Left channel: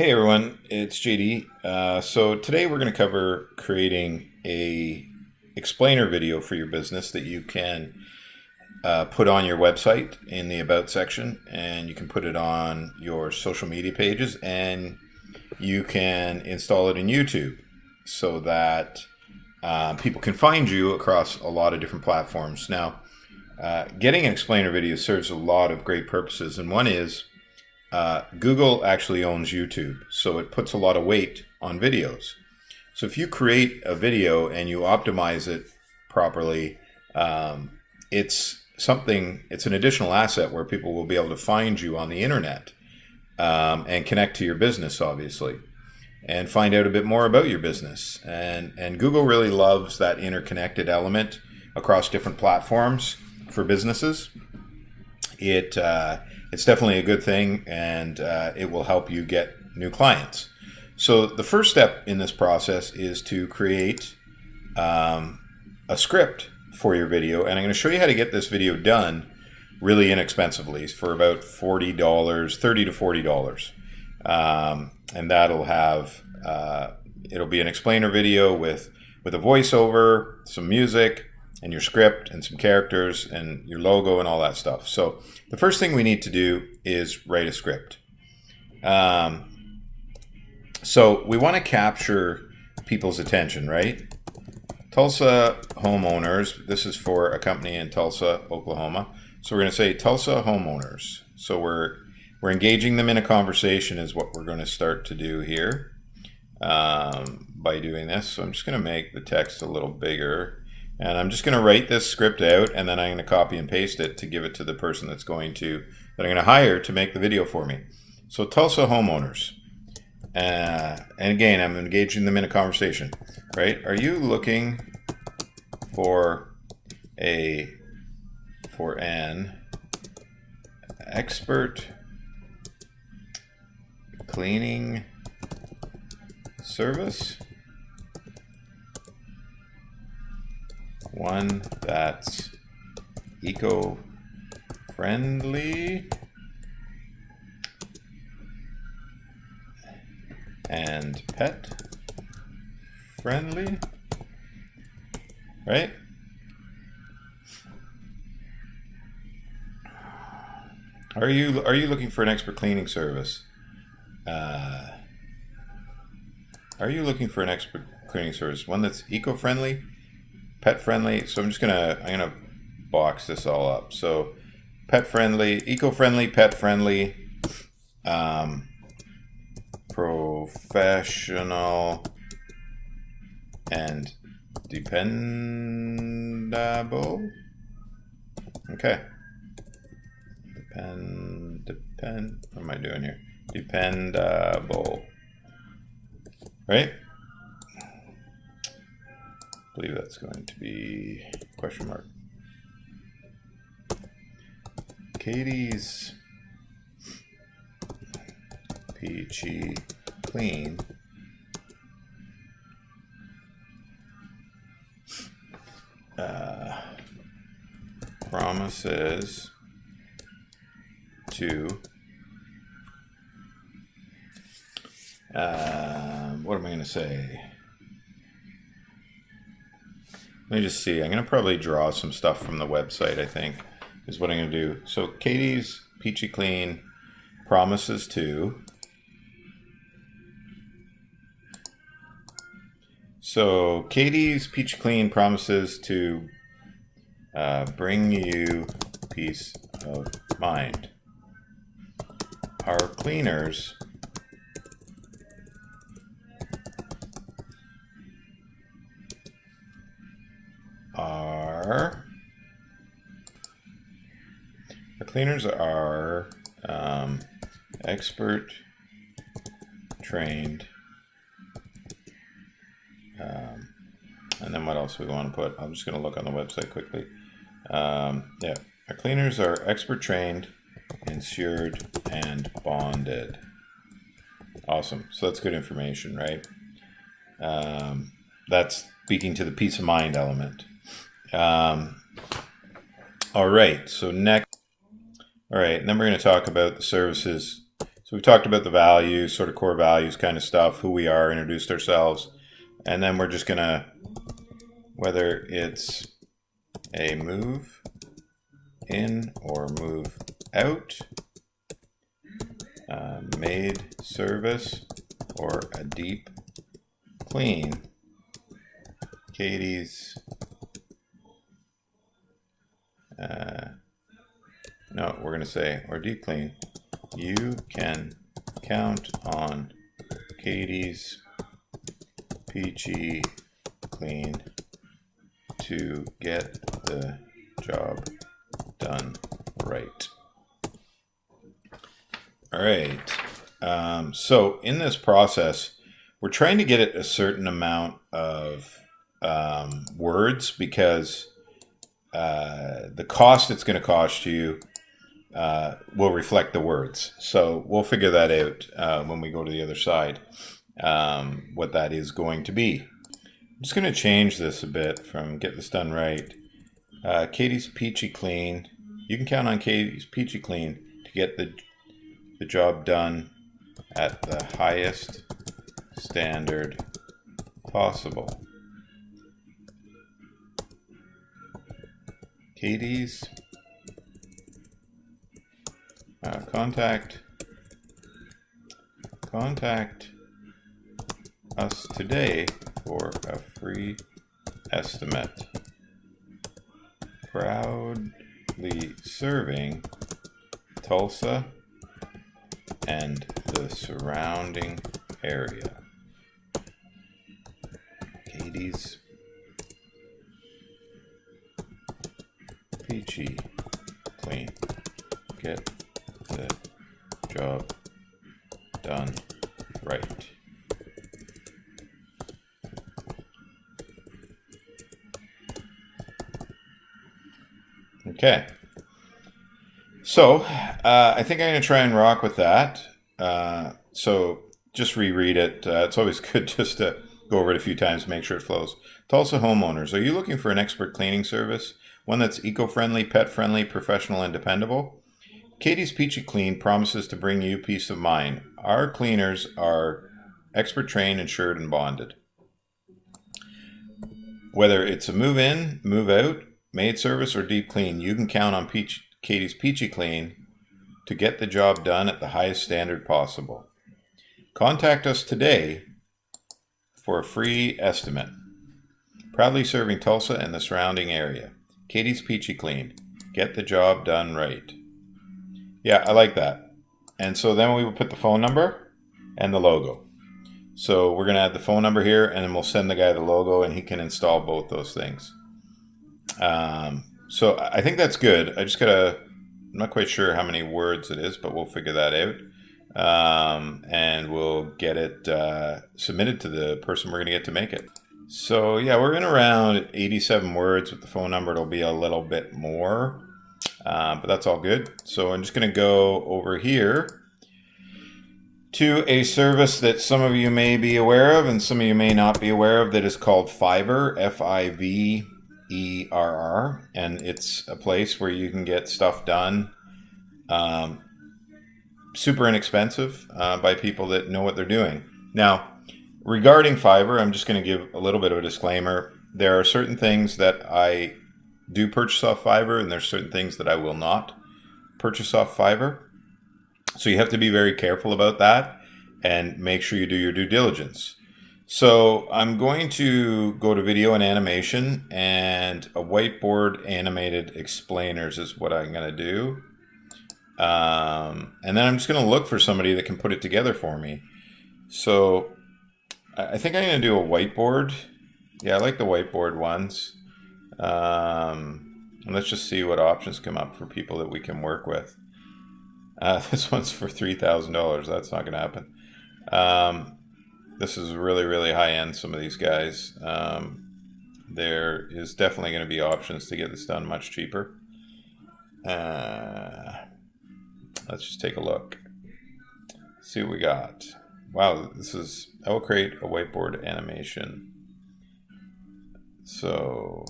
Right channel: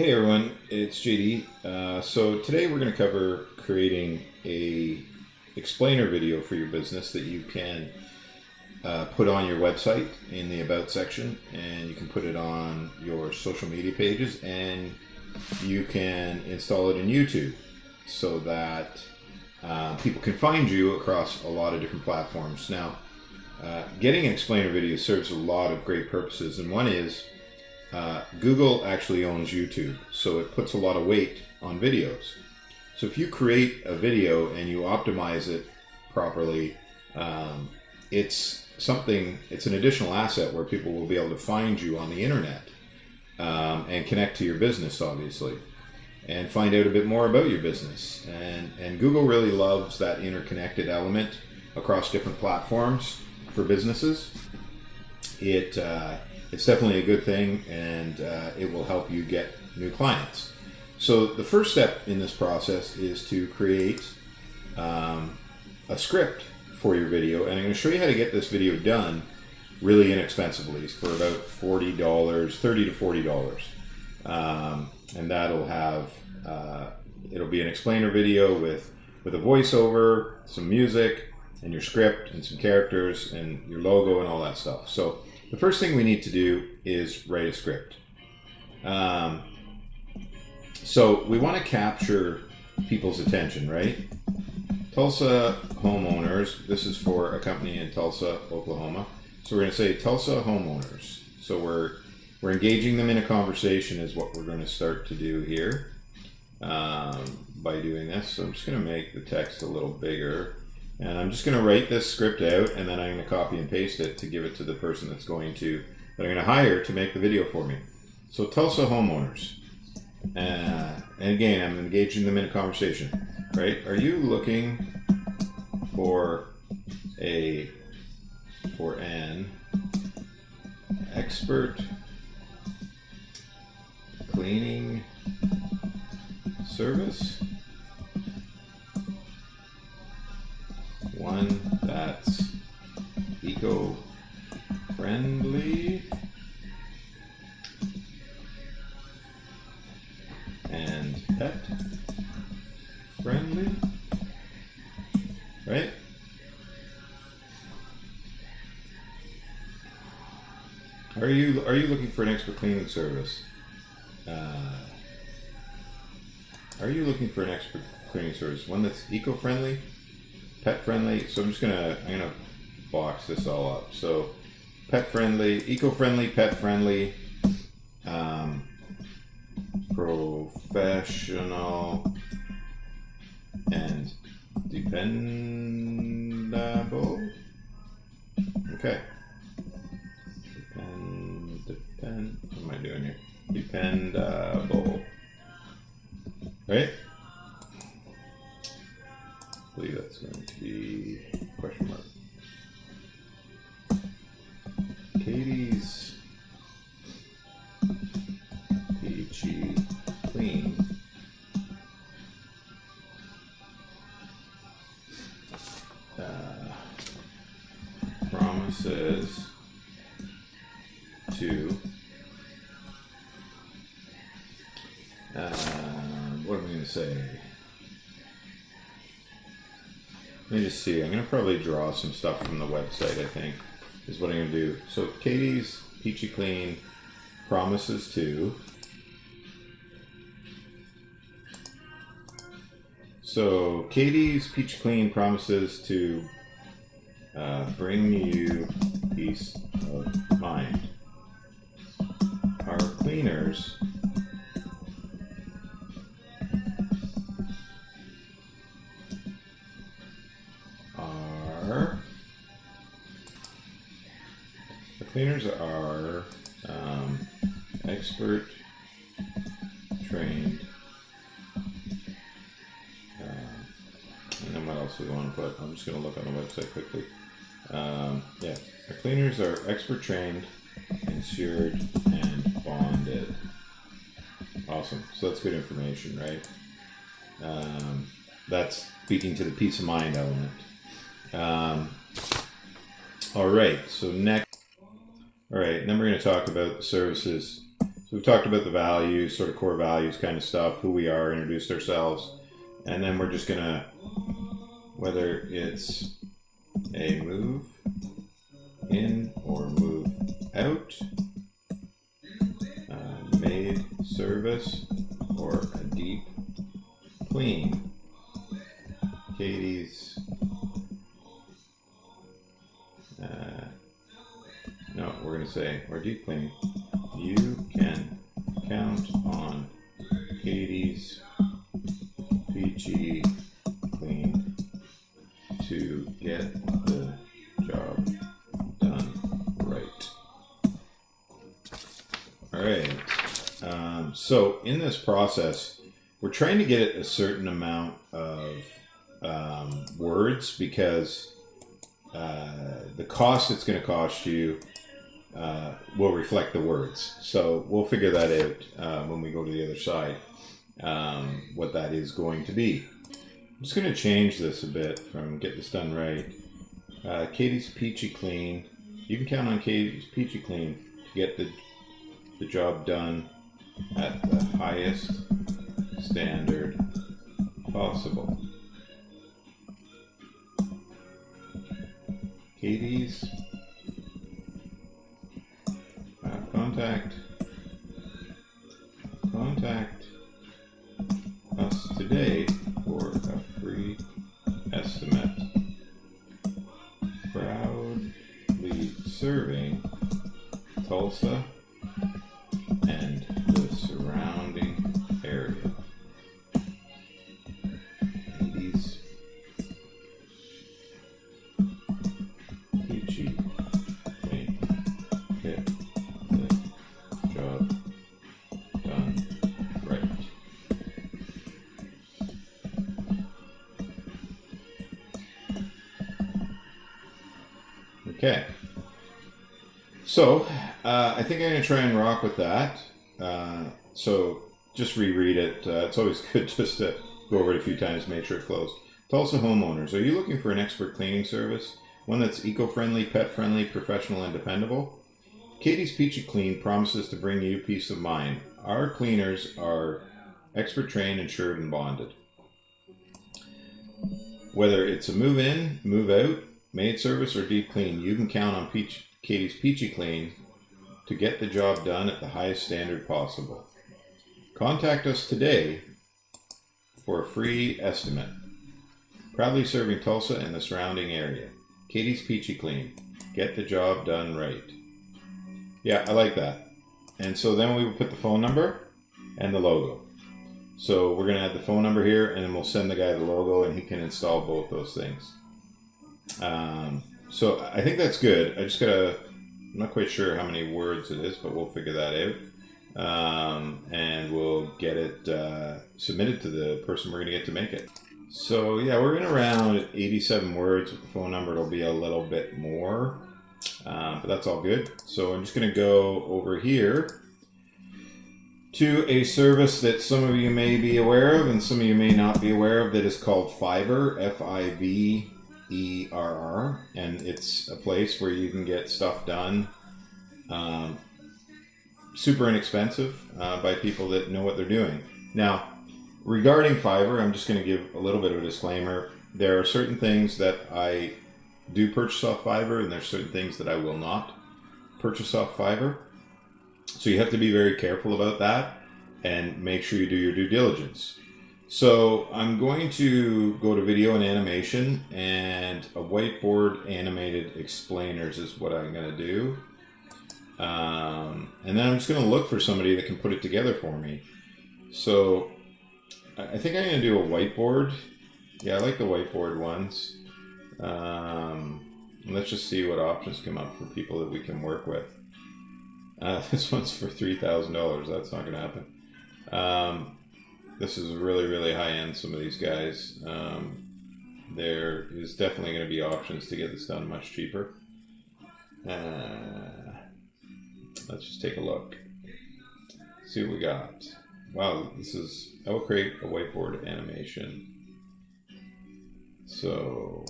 Hey everyone, it's JD. So today we're going to cover creating a explainer video for your business that you can put on your website in the About section, and you can put it on your social media pages, and you can install it in YouTube so that people can find you across a lot of different platforms. Now, getting an explainer video serves a lot of great purposes, and one is Google actually owns YouTube, so it puts a lot of weight on videos. So if you create a video and you optimize it properly, it's an additional asset where people will be able to find you on the internet and connect to your business, obviously, and find out a bit more about your business. And Google really loves that interconnected element across different platforms for businesses. It's definitely a good thing, and it will help you get new clients. So the first step in this process is to create a script for your video, and I'm going to show you how to get this video done really inexpensively for about $40, $30 to $40. And that'll have, it'll be an explainer video with a voiceover, some music, and your script, and some characters, and your logo, and all that stuff. So the first thing we need to do is write a script. So we want to capture people's attention, right? Tulsa homeowners. This is for a company in Tulsa, Oklahoma. So we're going to say Tulsa homeowners. So we're engaging them in a conversation is what we're going to start to do here by doing this. So I'm just going to make the text a little bigger. And I'm just going to write this script out, and then I'm going to copy and paste it to give it to the person that I'm going to hire to make the video for me. So Tulsa homeowners. And again, I'm engaging them in a conversation, right? Are you looking for an expert cleaning service? One that's eco-friendly and pet-friendly, right? Are you looking for an expert cleaning service? Are you looking for an expert cleaning service? One that's eco-friendly, pet-friendly. So I'm gonna box this all up. So pet-friendly, eco-friendly, pet-friendly, professional, and dependable. Okay. What am I doing here? Dependable. Right? I believe that's going to be question mark. Katie's peachy clean promises to what am I going to say? Let me just see. I'm going to probably draw some stuff from the website, I think, is what I'm going to do. So Katie's Peachy Clean promises to. So Katie's Peachy Clean promises to bring you peace of mind. Our cleaners are expert trained, and then what else we want to put? I'm just going to look on the website quickly. Yeah, our cleaners are expert trained, insured, and bonded. Awesome. So that's good information, right? That's speaking to the peace of mind element. All right. So next. All right. And then we're going to talk about the services. So we talked about the values, sort of core values kind of stuff, who we are, introduced ourselves. And then we're just going to, whether it's a move in or move out, made service or a deep clean, Katie's, no, we're going to say, or deep clean, you can count on Katie's peachy clean to get the job done right. All right. So in this process, we're trying to get it a certain amount of words, because the cost it's going to cost you will reflect the words. So we'll figure that out when we go to the other side, what that is going to be. I'm just going to change this a bit from get this done right. Katie's peachy clean. You can count on Katie's peachy clean to get the job done at the highest standard possible. Katie's contact us today for a free estimate. Proudly serving Tulsa and the surrounding area. Katie's peachy clean. Get the job done right. Okay. So I think I'm going to try and rock with that. So just reread it. It's always good just to go over it a few times to make sure it flows. Tulsa homeowners, are you looking for an expert cleaning service? One that's eco-friendly, pet-friendly, professional, and dependable? Katie's Peachy Clean promises to bring you peace of mind. Our cleaners are expert trained, insured, and bonded. Whether it's a move in, move out, maid service, or deep clean, you can count on Katie's Peachy Clean to get the job done at the highest standard possible. Contact us today for a free estimate. Proudly serving Tulsa and the surrounding area. Katie's Peachy Clean. Get the job done right. Yeah, I like that. And so then we will put the phone number and the logo. So we're going to add the phone number here, and then we'll send the guy the logo, and he can install both those things. So I think that's good. I just gotta, I'm not quite sure how many words it is, but we'll figure that out. And we'll get it submitted to the person we're gonna get to make it. So yeah, we're in around 87 words. With the phone number, it'll be a little bit more, but that's all good. So I'm just gonna go over here to a service that some of you may be aware of and some of you may not be aware of, that is called Fiverr, Fiverr, and it's a place where you can get stuff done super inexpensive by people that know what they're doing. Now, regarding Fiverr, I'm just going to give a little bit of a disclaimer. There are certain things that I do purchase off Fiverr, and there's certain things that I will not purchase off Fiverr. So you have to be very careful about that and make sure you do your due diligence. So I'm going to go to video and animation, and a whiteboard animated explainers is what I'm going to do. And then I'm just going to look for somebody that can put it together for me. So I think I'm going to do a whiteboard. Yeah, I like the whiteboard ones. And let's just see what options come up for people that we can work with. This one's for $3,000. That's not going to happen. This is really, really high end, some of these guys. There is definitely going to be options to get this done much cheaper. Let's just take a look. See what we got. Wow, this is, I will create a whiteboard animation. So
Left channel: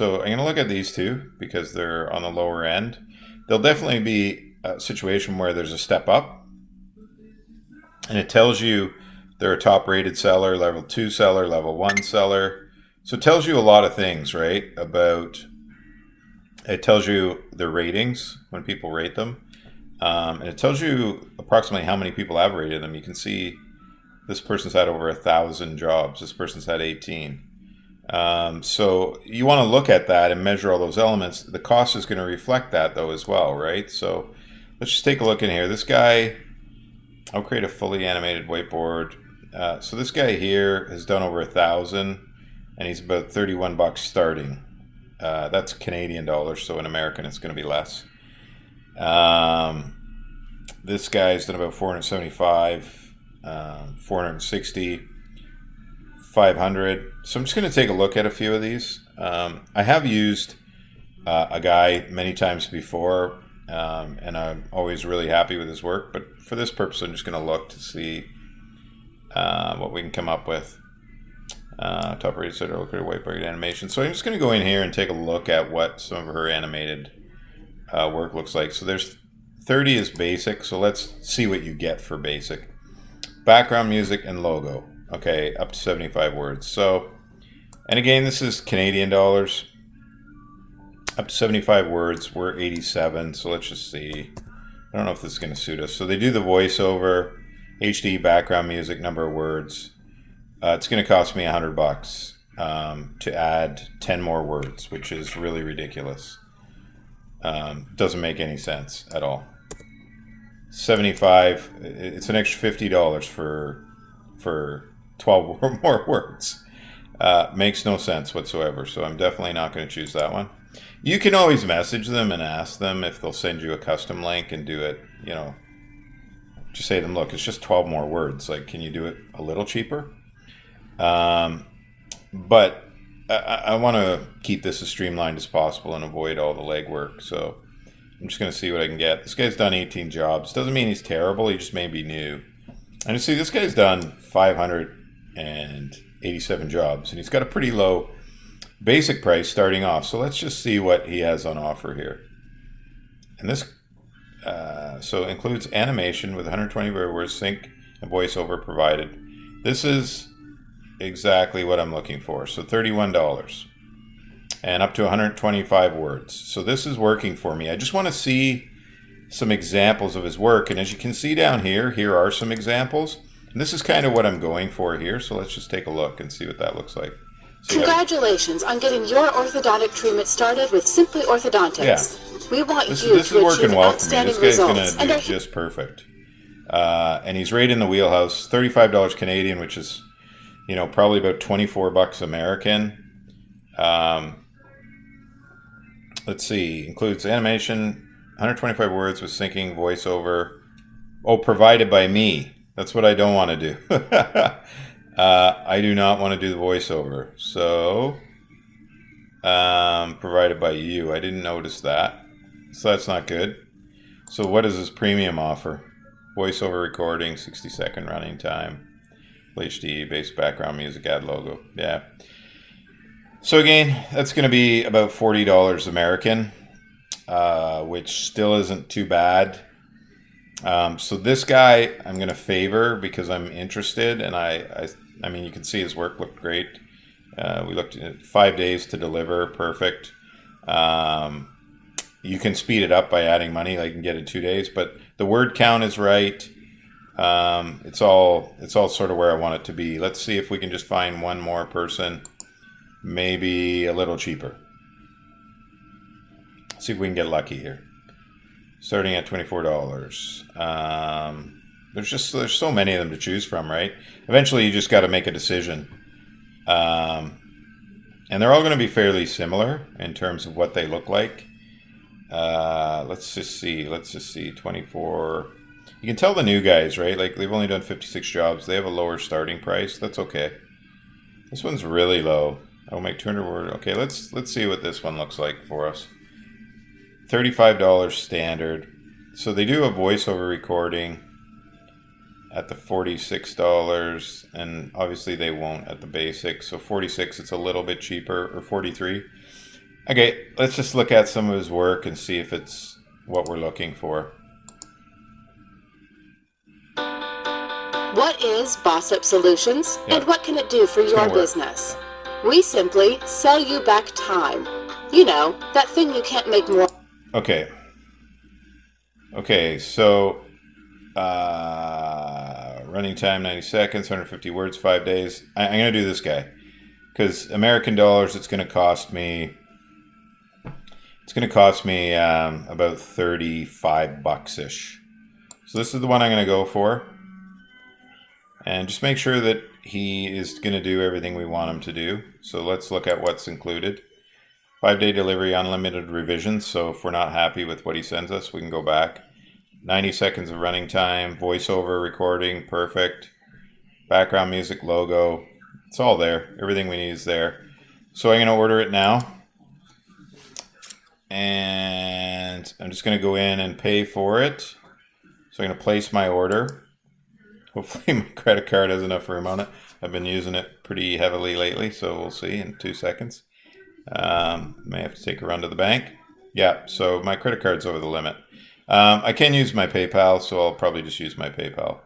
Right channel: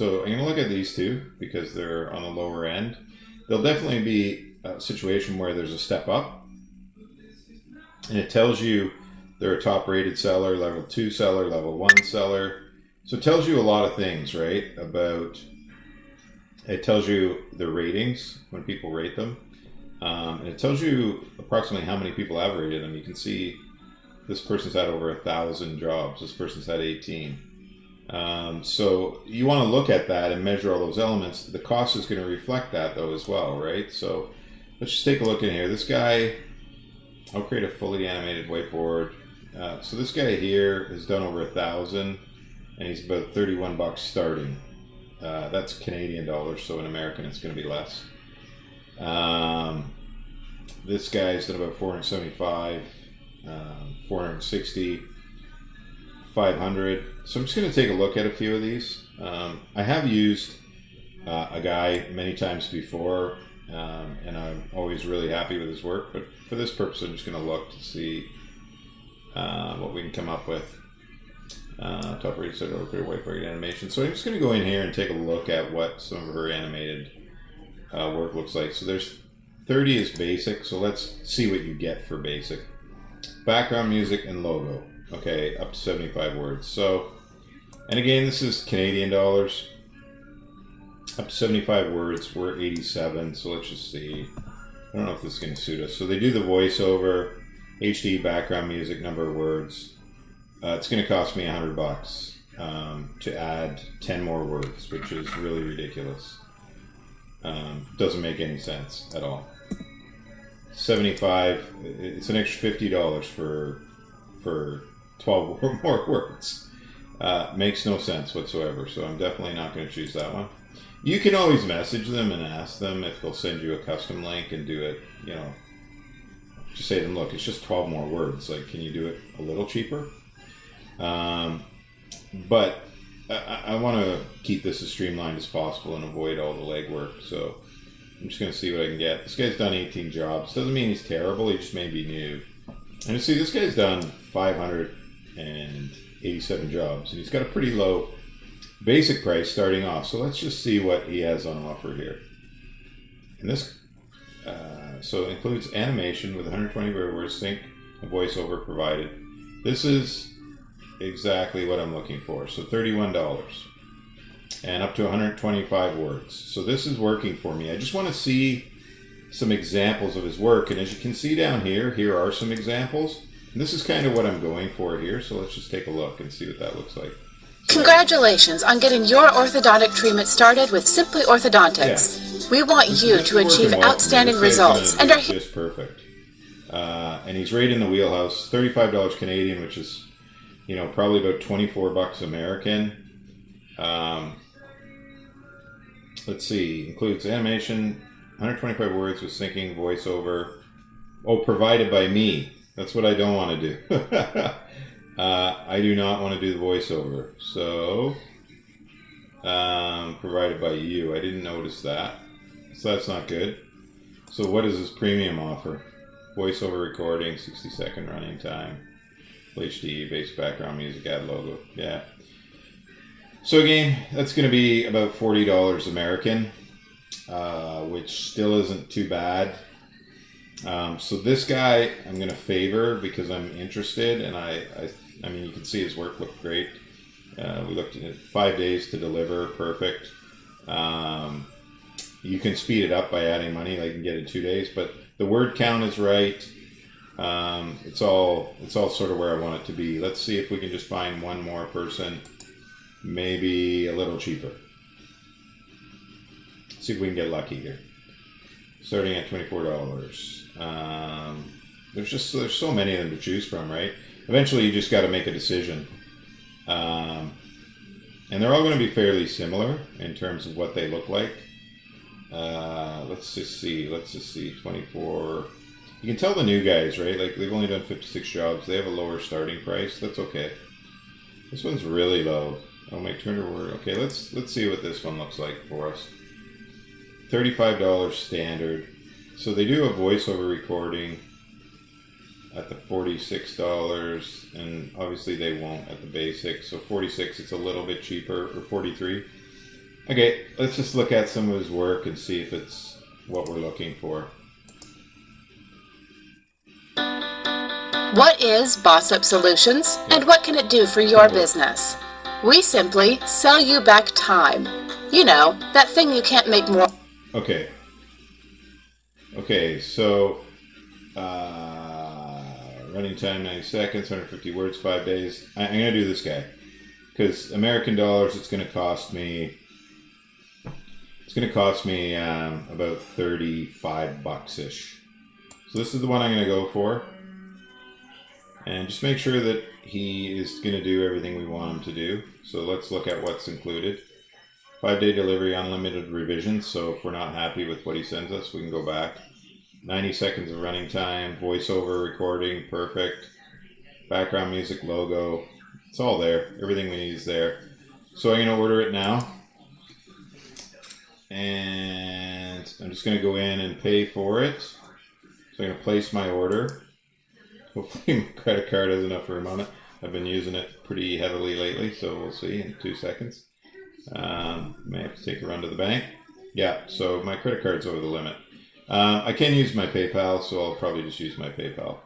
I'm going to look at these two because they're on the lower end. There'll definitely be a situation where there's a step up And it tells you they're a top rated seller, level 2 seller, level 1 seller. So it tells you a lot of things, right? It tells you the ratings when people rate them. And it tells you approximately how many people have rated them. You can see this person's had over 1,000 jobs. This person's had 18. So you want to look at that and measure all those elements. The cost is going to reflect that though as well, right? So let's just take a look in here. This guy, I'll create a fully animated whiteboard. So this guy here has done over 1,000 and he's about 31 bucks starting. That's Canadian dollars, so in American it's going to be less. This guy's done about 475, 460, 500. So I'm just going to take a look at a few of these. I have used a guy many times before, and I'm always really happy with his work. But for this purpose, I'm just going to look to see what we can come up with. Top rated set of whiteboard animation. So I'm just going to go in here and take a look at what some of her animated work looks like. So there's 30 is basic. So let's see what you get for basic. Background music and logo. Okay, up to 75 words. So, and again, this is Canadian dollars. Up to 75 words. We're 87. So let's just see. I don't know if this is going to suit us. So they do the voiceover, HD background music, number of words. It's going to cost me $100 to add 10 more words, which is really ridiculous. Doesn't make any sense at all. 75. It's an extra $50 for 12 or more words. Makes no sense whatsoever. So I'm definitely not going to choose that one. You can always message them and ask them if they'll send you a custom link and do it. You know, just say to them, look, it's just 12 more words. Like, can you do it a little cheaper? But I want to keep this as streamlined as possible and avoid all the legwork. So I'm just going to see what I can get. This guy's done 18 jobs. Doesn't mean he's terrible. He just may be new. And you see, this guy's done 587 jobs, and he's got a pretty low basic price starting off. So let's just see what he has on offer here. And this, so includes animation with 120 words, sync and voiceover provided. This is exactly what I'm looking for. So $31 and up to 125 words. So this is working for me. I just want to see some examples of his work. And as you can see down here, here are some examples. And this is kind of what I'm going for here. So let's just take a look and see what that looks like. So congratulations on getting your orthodontic treatment started with Simply Orthodontics. Yeah. We want you to achieve outstanding results and are just perfect. And he's right in the wheelhouse. $35 Canadian, which is, you know, probably about 24 bucks American. Let's see, includes animation, 125 words with syncing, voiceover. Oh, provided by me. That's what I don't want to do. I do not want to do the voiceover. So, provided by you. I didn't notice that. So that's not good. So what is this premium offer? Voiceover recording, 60-second running time. HD, base background music, add logo. Yeah. So again, that's going to be about $40 American, which still isn't too bad. So this guy I'm going to favor because I'm interested, and I mean, you can see his work looked great. We looked at 5 days to deliver, perfect. You can speed it up by adding money, like you can get it 2 days, but the word count is right. It's all sort of where I want it to be. Let's see if we can just find one more person, maybe a little cheaper. See if we can get lucky here. Starting at $24. There's so many of them to choose from, right? Eventually, you just got to make a decision. And they're all going to be fairly similar in terms of what they look like. Let's just see. 24. You can tell the new guys, right? Like, they've only done 56 jobs. They have a lower starting price. That's okay. This one's really low. I'll make 200 word. Okay, let's see what this one looks like for us. $35 standard. So they do a voiceover recording at the $46, and obviously they won't at the basic. So 46, it's a little bit cheaper, or 43. Okay, let's just look at some of his work and see if it's what we're looking for. What is Boss Up Solutions, and what can it do for your business? We simply sell you back time. You know, that thing you can't make more. Okay. Okay, so running time 90 seconds, 150 words, 5 days. I'm going to do this guy because American dollars, it's going to cost me about 35 bucks-ish. So this is the one I'm going to go for. And just make sure that he is going to do everything we want him to do. So let's look at what's included. 5-day delivery, unlimited revisions. So if we're not happy with what he sends us, we can go back. 90 seconds of running time, voiceover recording, perfect. Background music, logo. It's all there. Everything we need is there. So I'm going to order it now. And I'm just going to go in and pay for it. So I'm going to place my order. Hopefully my credit card has enough room on it. I've been using it pretty heavily lately, so we'll see in 2 seconds. May have to take a run to the bank. Yeah, so my credit card's over the limit. I can use my PayPal, so I'll probably just use my PayPal.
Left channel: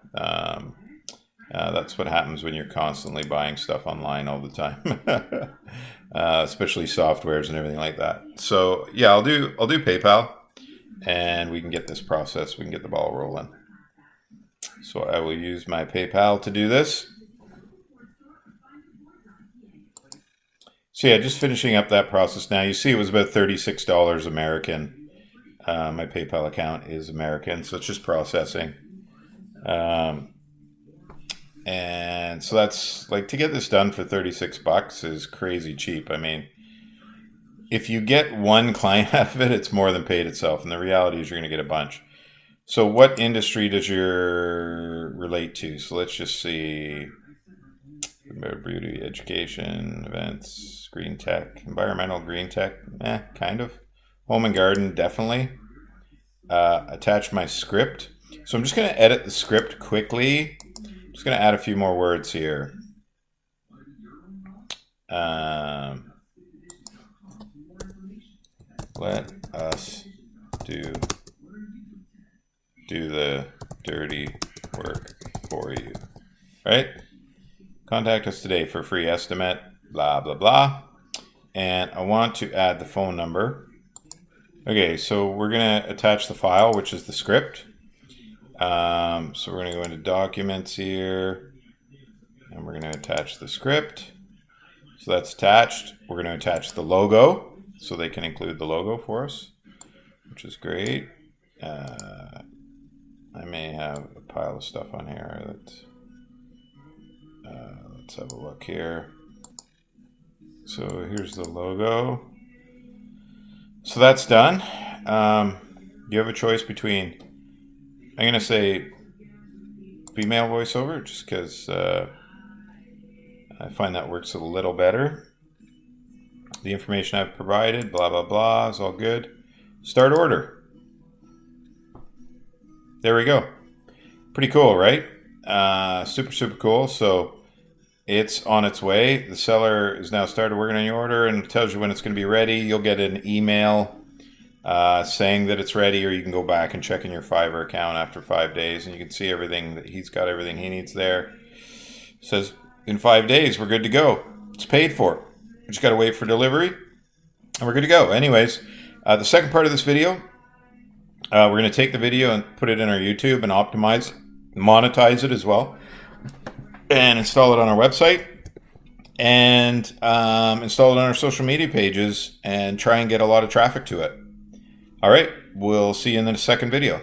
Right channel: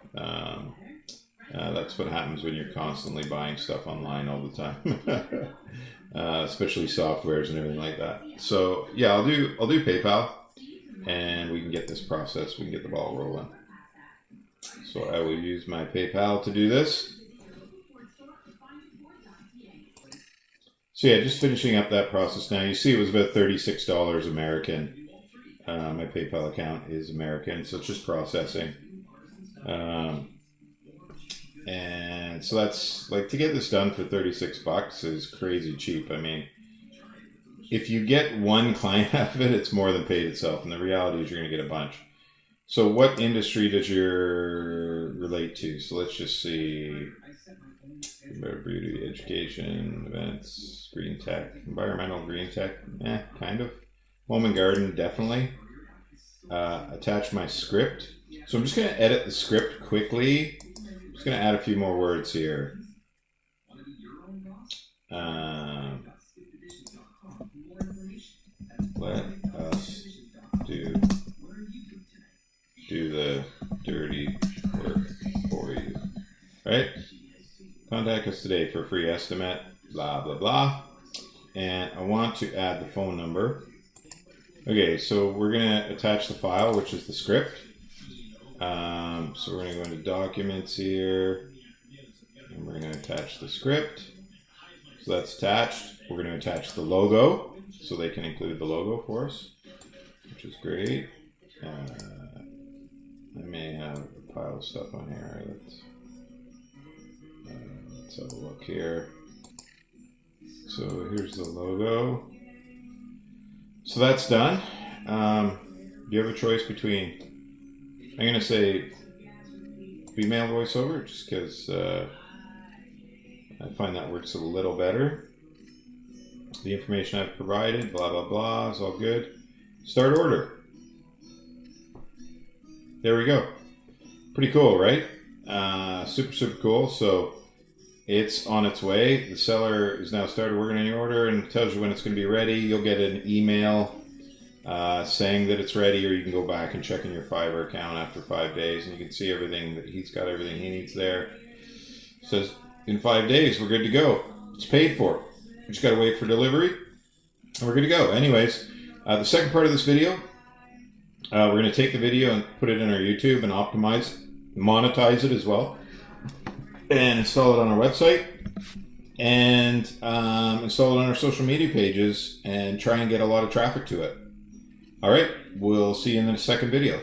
That's what happens when you're constantly buying stuff online all the time, especially softwares and everything like that. So yeah, I'll do PayPal, and we can get this process. We can get the ball rolling. So I will use my PayPal to do this. So yeah, just finishing up that process now. You see it was about $36 American. My PayPal account is American, so it's just processing. And so that's like, to get this done for 36 bucks is crazy cheap. I mean, if you get one client out of it, it's more than paid itself. And the reality is you're going to get a bunch. So what industry does your relate to? So let's just see. Beauty, education, events, green tech, environmental green tech, kind of. Home and garden, definitely. Attach my script. So I'm just going to edit the script quickly. I'm just going to add a few more words here. Let us do the dirty work for you. Right? Contact us today for a free estimate, blah, blah, blah. And I want to add the phone number. Okay, so we're going to attach the file, which is the script. So we're going to go into documents here, and we're going to attach the script. So that's attached. We're going to attach the logo, so they can include the logo for us, which is great. I may have a pile of stuff on here that... let's have a look here. So here's the logo. So that's done. You have a choice between, I'm going to say female voiceover, just because I find that works a little better. The information I've provided, blah, blah, blah, is all good. Start order. There we go. Pretty cool, right? Super, super cool. So it's on its way. The seller is now started working on your order and tells you when it's going to be ready. You'll get an email saying that it's ready, or you can go back and check in your Fiverr account after 5 days, and you can see everything that he's got, everything he needs there. It says in 5 days we're good to go. It's paid for. We just got to wait for delivery, and we're good to go. Anyways, the second part of this video, we're going to take the video and put it in our YouTube and monetize it as well, and install it on our website, and install it on our social media pages, and try and get a lot of traffic to it. All right, we'll see you in the second video.